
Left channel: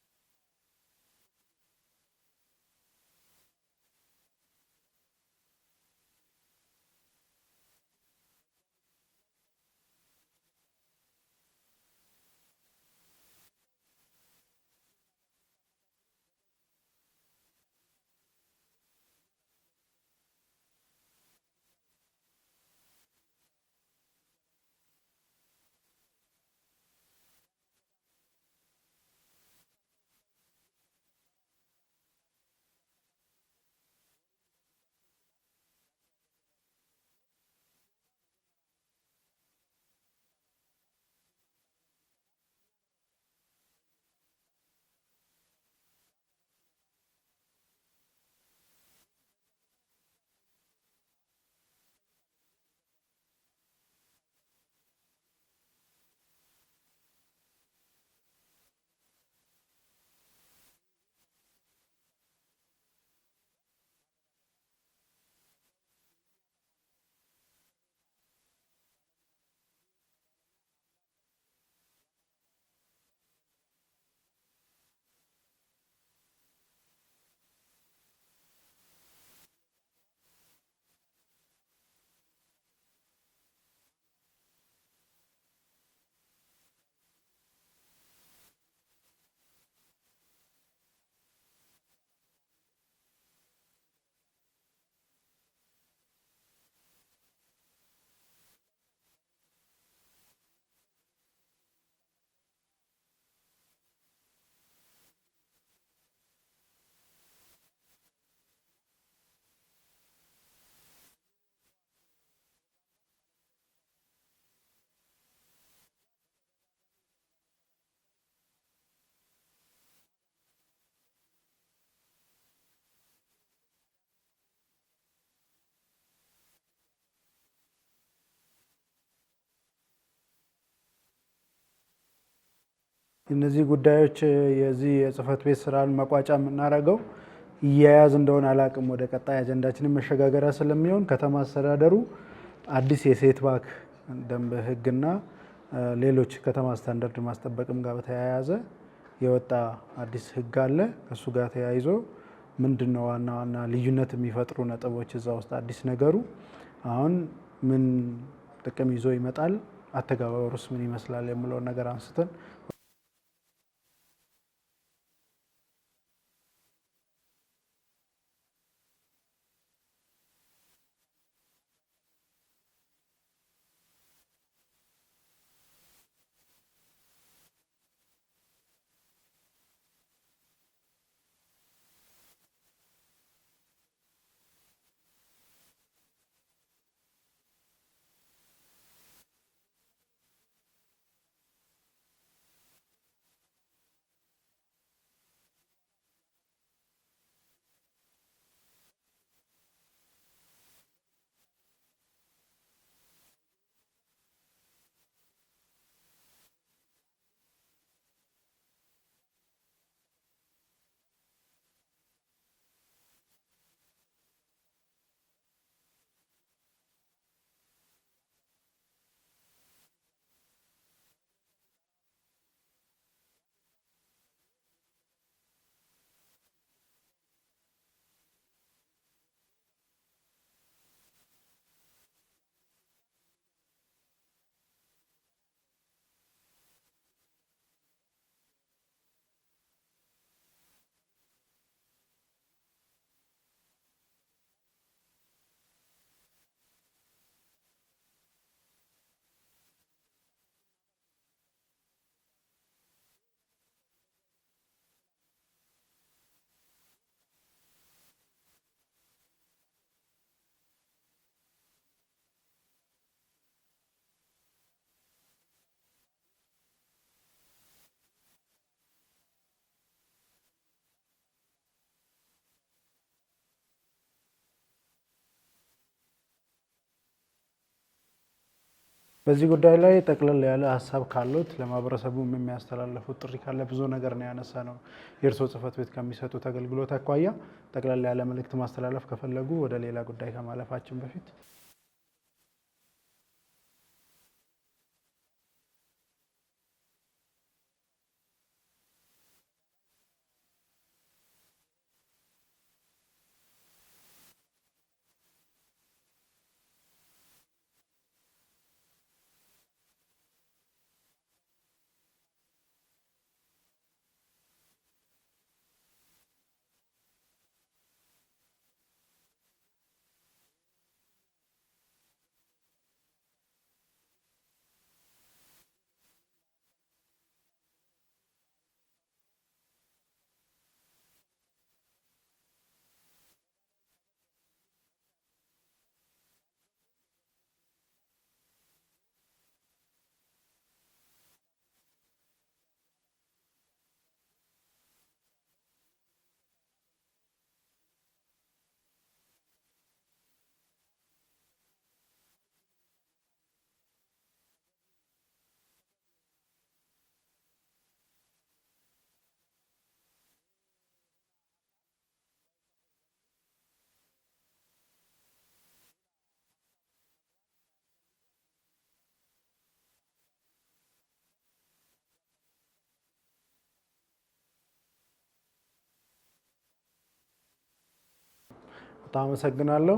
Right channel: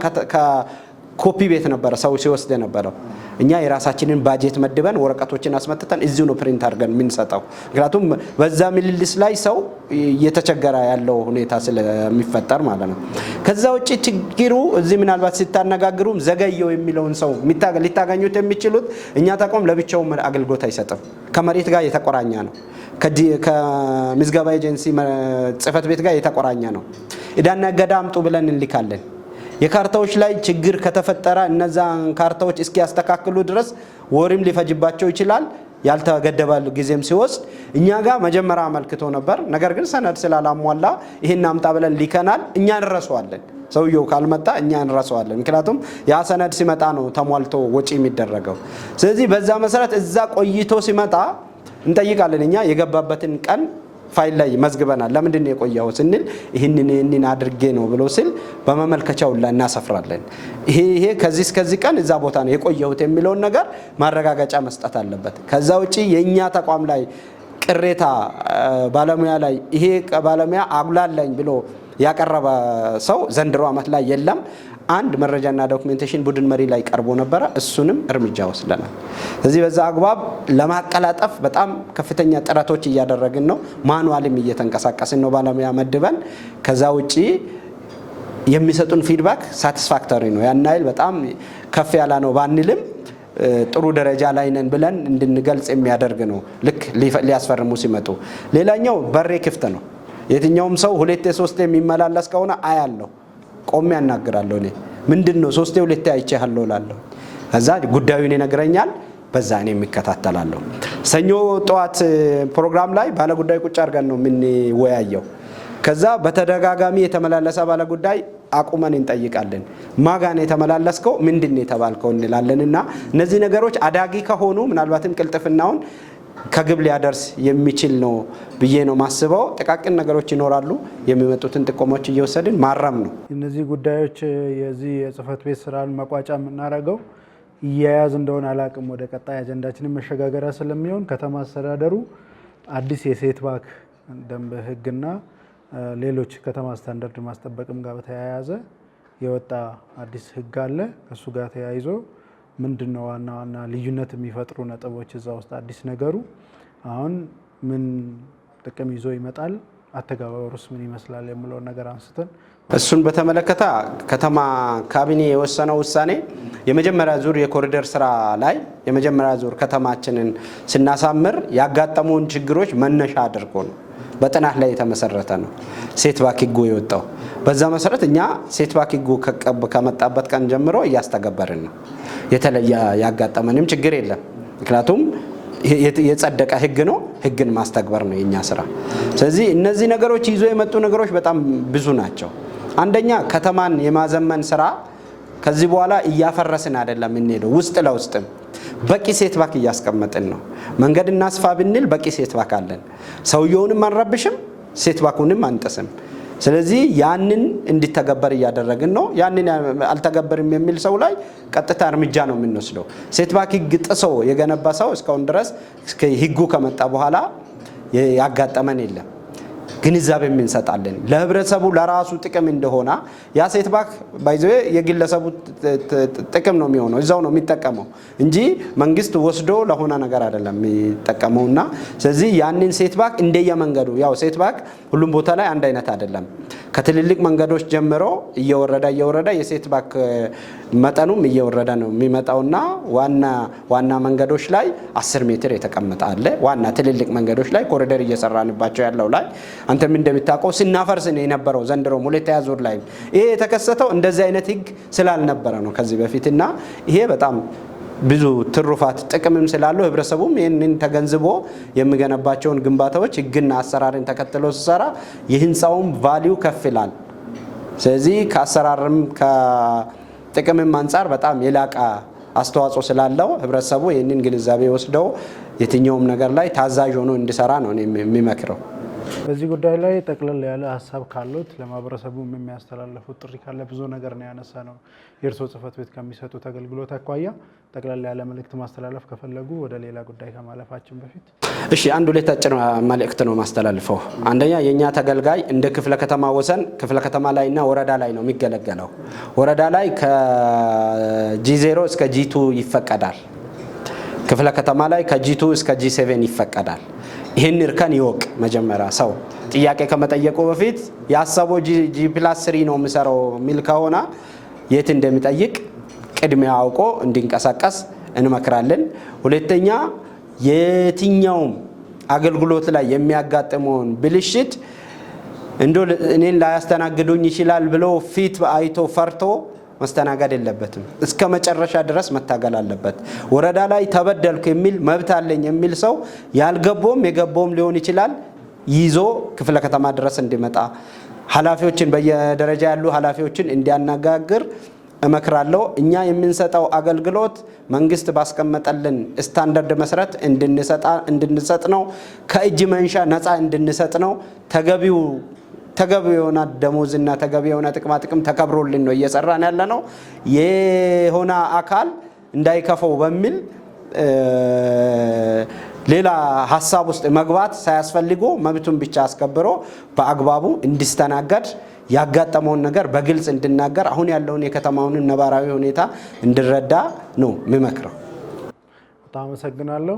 ኮፒ ቤት ነበረ ሰው ሲወስድ የነበረው። እኛ የራሳችንን ባጀት መድበን ወረቀቶችን አስመጥተን እዚሁ ነው ፕሪንት አድርገን የምንሰጠው። ምክንያቱም በዛ ምልልስ ላይ ሰው እየተቸገረ ያለው ሁኔታ ስለሚፈጠር ማለት ነው። ከዛ ውጭ ችግሩ እዚህ ምናልባት ሲታነጋግሩም ዘገየው የሚለውን ሰው ሊታገኙት የሚችሉት እኛ ተቋም ለብቻው አገልግሎት አይሰጥም። ከመሬት ጋር የተቆራኘ ነው። ከምዝገባ ኤጀንሲ ጽሕፈት ቤት ጋር የተቆራኘ ነው። ዕዳና እገዳ አምጡ ብለን እንልካለን። የካርታዎች ላይ ችግር ከተፈጠረ እነዛን ካርታዎች እስኪያስተካክሉ ድረስ ወርም ሊፈጅባቸው ይችላል። ያልተገደበ ጊዜም ሲወስድ እኛ ጋር መጀመሪያ አመልክቶ ነበር። ነገር ግን ሰነድ ስላላሟላ ይሄን አምጣ ብለን ሊከናል። እኛ እንረሳዋለን። ሰውየው ካልመጣ እኛ እንረሳዋለን። ምክንያቱም ያ ሰነድ ሲመጣ ነው ተሟልቶ ወጪ የሚደረገው። ስለዚህ በዛ መሰረት እዛ ቆይቶ ሲመጣ እንጠይቃለን። እኛ የገባበትን ቀን ፋይል ላይ መዝግበናል። ለምንድን ነው የቆየው ስንል ይህንን አድርጌ ነው ብሎ ሲል በመመልከቻው ላይ እናሰፍራለን። ይሄ ከዚህ እስከዚህ ቀን እዛ ቦታ ነው የቆየሁት የሚለውን ነገር ማረጋገጫ መስጠት አለበት። ከዛ ውጪ የኛ ተቋም ላይ ቅሬታ ባለሙያ ላይ ይሄ ባለሙያ አጉላላኝ ብሎ ያቀረበ ሰው ዘንድሮ ዓመት ላይ የለም። አንድ መረጃና ዶክመንቴሽን ቡድን መሪ ላይ ቀርቦ ነበረ፣ እሱንም እርምጃ ወስደናል። ስለዚህ በዛ አግባብ ለማቀላጠፍ በጣም ከፍተኛ ጥረቶች እያደረግን ነው። ማኑዋልም እየተንቀሳቀስን ነው ባለሙያ መድበን። ከዛ ውጪ የሚሰጡን ፊድባክ ሳቲስፋክተሪ ነው። ያን ያህል በጣም ከፍ ያለ ነው ባንልም ጥሩ ደረጃ ላይ ነን ብለን እንድንገልጽ የሚያደርግ ነው። ልክ ሊያስፈርሙ ሲመጡ ሌላኛው በሬ ክፍት ነው። የትኛውም ሰው ሁለቴ ሶስቴ የሚመላለስ ከሆነ አያለሁ፣ ቆሜ ያናግራለሁ። እኔ ምንድነው ሶስቴ ሁለቴ አይቼሃለሁ እላለሁ። ከዛ ጉዳዩን ይነግረኛል፣ በዛ እኔ የሚከታተላለሁ። ሰኞ ጠዋት ፕሮግራም ላይ ባለ ጉዳይ ቁጭ አድርገን ነው የምንወያየው። ከዛ በተደጋጋሚ የተመላለሰ ባለ ጉዳይ አቁመን እንጠይቃለን። ማጋን የተመላለስከው ምንድነው የተባልከው እንላለንና እነዚህ ነገሮች አዳጊ ከሆኑ ምናልባትም ቅልጥፍናውን ከግብ ሊያደርስ የሚችል ነው ብዬ ነው ማስበው። ጥቃቅን ነገሮች ይኖራሉ። የሚመጡትን ጥቆሞች እየወሰድን ማረም ነው። እነዚህ ጉዳዮች የዚህ የጽህፈት ቤት ስራን መቋጫ የምናደርገው እያያዝ እንደሆነ አላቅም። ወደ ቀጣይ አጀንዳችንን መሸጋገሪያ ስለሚሆን ከተማ አስተዳደሩ አዲስ የሴት ባክ ደንብ ህግና ሌሎች ከተማ ስታንዳርድ ማስጠበቅም ጋር በተያያዘ የወጣ አዲስ ህግ አለ። ከሱ ጋር ተያይዞ ምንድነው ዋና ዋና ልዩነት የሚፈጥሩ ነጥቦች እዛ ውስጥ አዲስ ነገሩ አሁን ምን ጥቅም ይዞ ይመጣል፣ አተገባበሩስ ምን ይመስላል የሚለውን ነገር አንስተን እሱን በተመለከተ ከተማ ካቢኔ የወሰነው ውሳኔ የመጀመሪያ ዙር የኮሪደር ስራ ላይ የመጀመሪያ ዙር ከተማችንን ስናሳምር ያጋጠሙን ችግሮች መነሻ አድርጎ ነው። በጥናት ላይ የተመሰረተ ነው ሴት ባክ ህጉ የወጣው። በዛ መሰረት እኛ ሴት ባክ ህጉ ከመጣበት ቀን ጀምሮ እያስተገበርን ነው። የተለየ ያጋጠመንም ችግር የለም። ምክንያቱም የጸደቀ ህግ ነው። ህግን ማስተግበር ነው የኛ ስራ። ስለዚህ እነዚህ ነገሮች ይዞ የመጡ ነገሮች በጣም ብዙ ናቸው። አንደኛ ከተማን የማዘመን ስራ ከዚህ በኋላ እያፈረስን አይደለም እንሄደው። ውስጥ ለውስጥም በቂ ሴት ባክ እያስቀመጥን ነው። መንገድ እናስፋ ብንል በቂ ሴት ባክ አለን። ሰውየውንም አንረብሽም፣ ሴት ባኩንም አንጥስም። ስለዚህ ያንን እንዲተገበር እያደረግን ነው። ያንን አልተገበርም የሚል ሰው ላይ ቀጥታ እርምጃ ነው የምንወስደው። ሴት ባክ ህግ ጥሶ የገነባ ሰው እስካሁን ድረስ ህጉ ከመጣ በኋላ ያጋጠመን የለም። ግንዛቤ እንሰጣለን ለህብረተሰቡ ለራሱ ጥቅም እንደሆነ። ያ ሴት ባክ ባይዘ የግለሰቡ ጥቅም ነው የሚሆነው፣ እዛው ነው የሚጠቀመው እንጂ መንግስት ወስዶ ለሆነ ነገር አይደለም የሚጠቀመውና ስለዚህ ያንን ሴት ባክ እንደየመንገዱ ያው ሴት ባክ ሁሉም ቦታ ላይ አንድ አይነት አይደለም። ከትልልቅ መንገዶች ጀምሮ እየወረደ የሴት ባክ መጠኑም እየወረደ ነው የሚመጣውና ዋና መንገዶች ላይ 10 ሜትር የተቀመጠ አለ። ዋና ትልልቅ መንገዶች ላይ ኮሪደር እየሰራንባቸው ያለው ላይ አንተም እንደምታውቀው ስናፈርስ ነው የነበረው። ዘንድሮም ሁለተኛ ዙር ላይ ይሄ የተከሰተው እንደዚህ አይነት ህግ ስላልነበረ ነው ከዚህ በፊትና ይሄ በጣም ብዙ ትሩፋት ጥቅምም ስላለው ህብረተሰቡም ይህንን ተገንዝቦ የሚገነባቸውን ግንባታዎች ህግና አሰራርን ተከትሎ ሲሰራ የህንፃውም ቫልዩ ከፍ ይላል። ስለዚህ ከአሰራርም ከጥቅምም አንጻር በጣም የላቀ አስተዋጽኦ ስላለው ህብረተሰቡ ይህንን ግንዛቤ ወስደው የትኛውም ነገር ላይ ታዛዥ ሆኖ እንዲሰራ ነው የሚመክረው። በዚህ ጉዳይ ላይ ጠቅለል ያለ ሀሳብ ካሉት ለማህበረሰቡ የሚያስተላልፉት ጥሪ ካለ ብዙ ነገር ነው ያነሳ ነው። የእርስዎ ጽህፈት ቤት ከሚሰጡት አገልግሎት አኳያ ጠቅለል ያለ መልእክት ማስተላለፍ ከፈለጉ ወደ ሌላ ጉዳይ ከማለፋችን በፊት እሺ፣ አንድ ሁለት አጭር መልእክት ነው ማስተላልፈው። አንደኛ የኛ ተገልጋይ እንደ ክፍለ ከተማ ወሰን ክፍለ ከተማ ላይና ወረዳ ላይ ነው የሚገለገለው። ወረዳ ላይ ከጂ0 እስከ ጂ2 ይፈቀዳል። ክፍለ ከተማ ላይ ከጂ2 እስከ ጂ7 ይፈቀዳል። ይህን እርከን ይወቅ። መጀመሪያ ሰው ጥያቄ ከመጠየቁ በፊት ያሰበው ጂ+3 ነው የሚሰራው ሚል ከሆነ የት እንደሚጠይቅ ቅድሚያ አውቆ እንዲንቀሳቀስ እንመክራለን። ሁለተኛ የትኛውም አገልግሎት ላይ የሚያጋጥመውን ብልሽት እኔን ላያስተናግዱኝ ይችላል ብሎ ፊት አይቶ ፈርቶ መስተናገድ የለበትም። እስከ መጨረሻ ድረስ መታገል አለበት። ወረዳ ላይ ተበደልኩ የሚል መብት አለኝ የሚል ሰው ያልገባውም የገባውም ሊሆን ይችላል ይዞ ክፍለ ከተማ ድረስ እንዲመጣ ኃላፊዎችን በየደረጃ ያሉ ኃላፊዎችን እንዲያነጋግር እመክራለሁ። እኛ የምንሰጠው አገልግሎት መንግስት ባስቀመጠልን ስታንዳርድ መሰረት እንድንሰጥ ነው። ከእጅ መንሻ ነፃ እንድንሰጥ ነው። ተገቢ የሆነ ደሞዝና ተገቢ የሆነ ጥቅማ ጥቅም ተከብሮልን ነው እየሰራን ያለ ነው። የሆነ አካል እንዳይከፈው በሚል ሌላ ሀሳብ ውስጥ መግባት ሳያስፈልጉ መብቱን ብቻ አስከብሮ በአግባቡ እንዲስተናገድ ያጋጠመውን ነገር በግልጽ እንድናገር አሁን ያለውን የከተማውን ነባራዊ ሁኔታ እንድረዳ ነው የምመክረው። በጣም አመሰግናለሁ።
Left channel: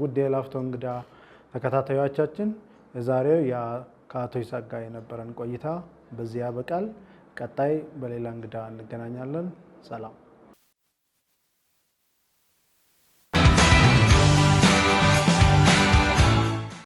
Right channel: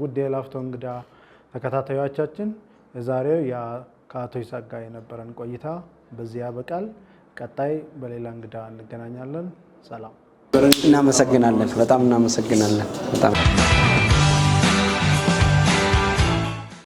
ውድ የላፍቶ እንግዳ ተከታታዮቻችን የዛሬው ከአቶ ይስሐቅ ጋር የነበረን ቆይታ በዚህ ያበቃል። ቀጣይ በሌላ እንግዳ እንገናኛለን። ሰላም። እናመሰግናለን። በጣም እናመሰግናለን። በጣም